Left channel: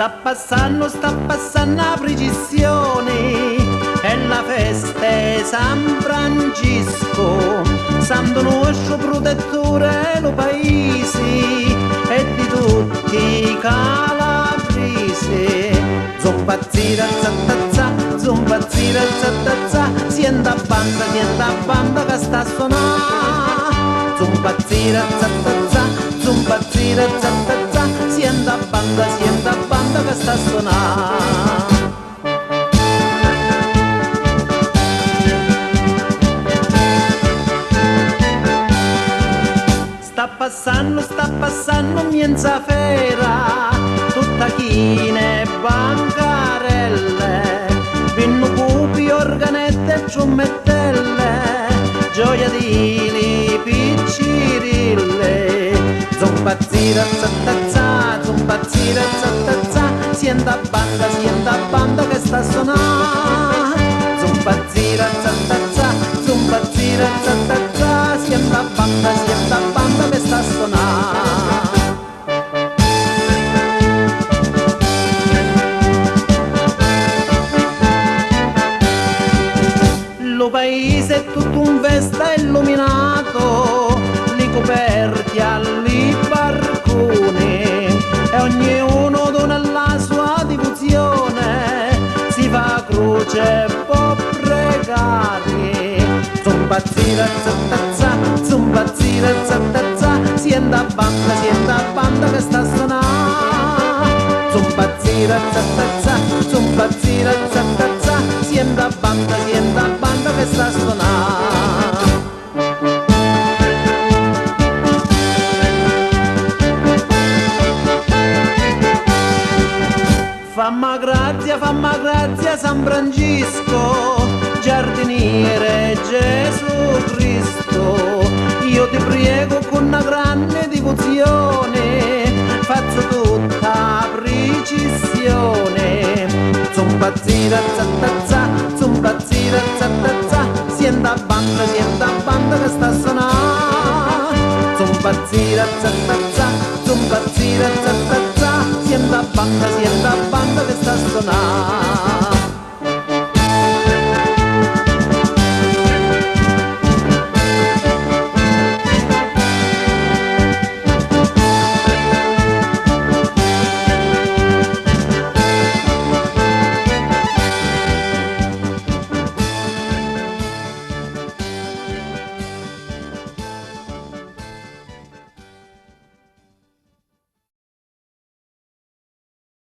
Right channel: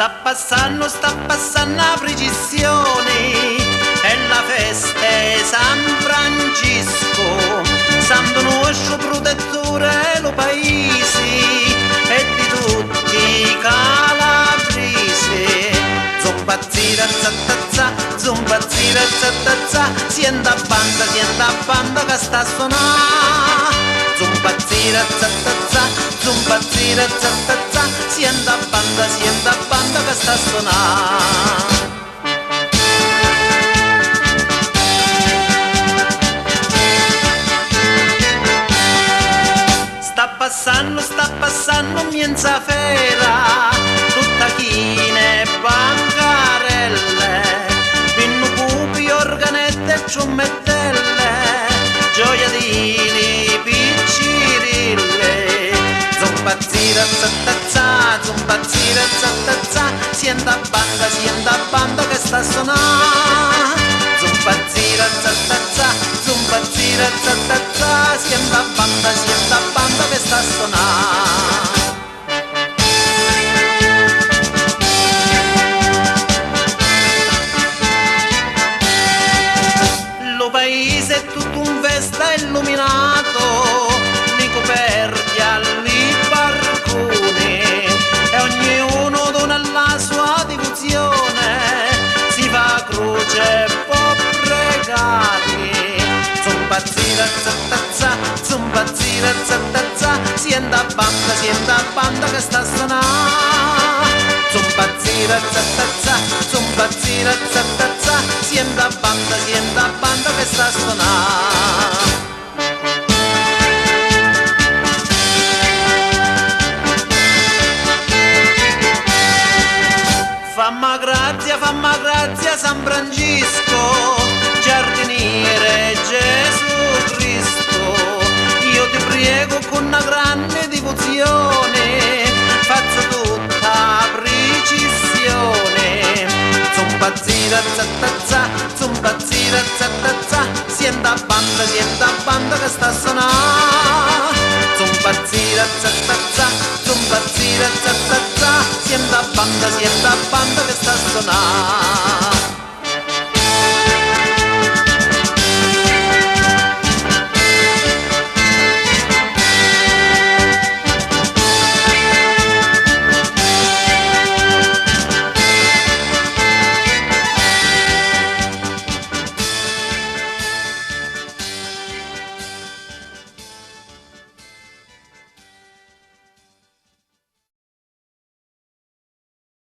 sta passando la precisione, è la festa di San Francisco, santo nostro protettore lo paese e di tutti i calabresi. Zumpazzira zattazza, zumpazzira zattazza, sienta banda che sta a suonare. Zumpazzira zattazza, zumpazzira zattazza, sienta banda che sta a suonare. Sta passando mienza fera, tutta chine e bancarelle, vinno pupi, organette e trommettelle, gioiellini, piccirille. Zumpazzira zattazza, zumpazzira zattazza, sienta banda che sta a suonare. Zumpazzira zattazza, zumpazzira zattazza, sienta banda che sta a suonare. Lo paese è tutto un festa illuminato, li coperti alli barconi e ognuno dona la sua devozione, si fa croce e può pregare. Zumpazzira zattazza, zumpazzira zattazza, sienta banda che sta a suonare. Zumpazzira zattazza, zumpazzira zattazza, sienta banda che sta a suonare. Famma grazia San Francisco, giardiniere Gesù Cristo, io ti prego con una grande devozione, faccio tutta precisione. Zumpazzira zattazza, zumpazzira zattazza, sienta banda che sta a suonare. Zumpazzira zattazza, zumpazzira zattazza, sienta banda che sta a suonare.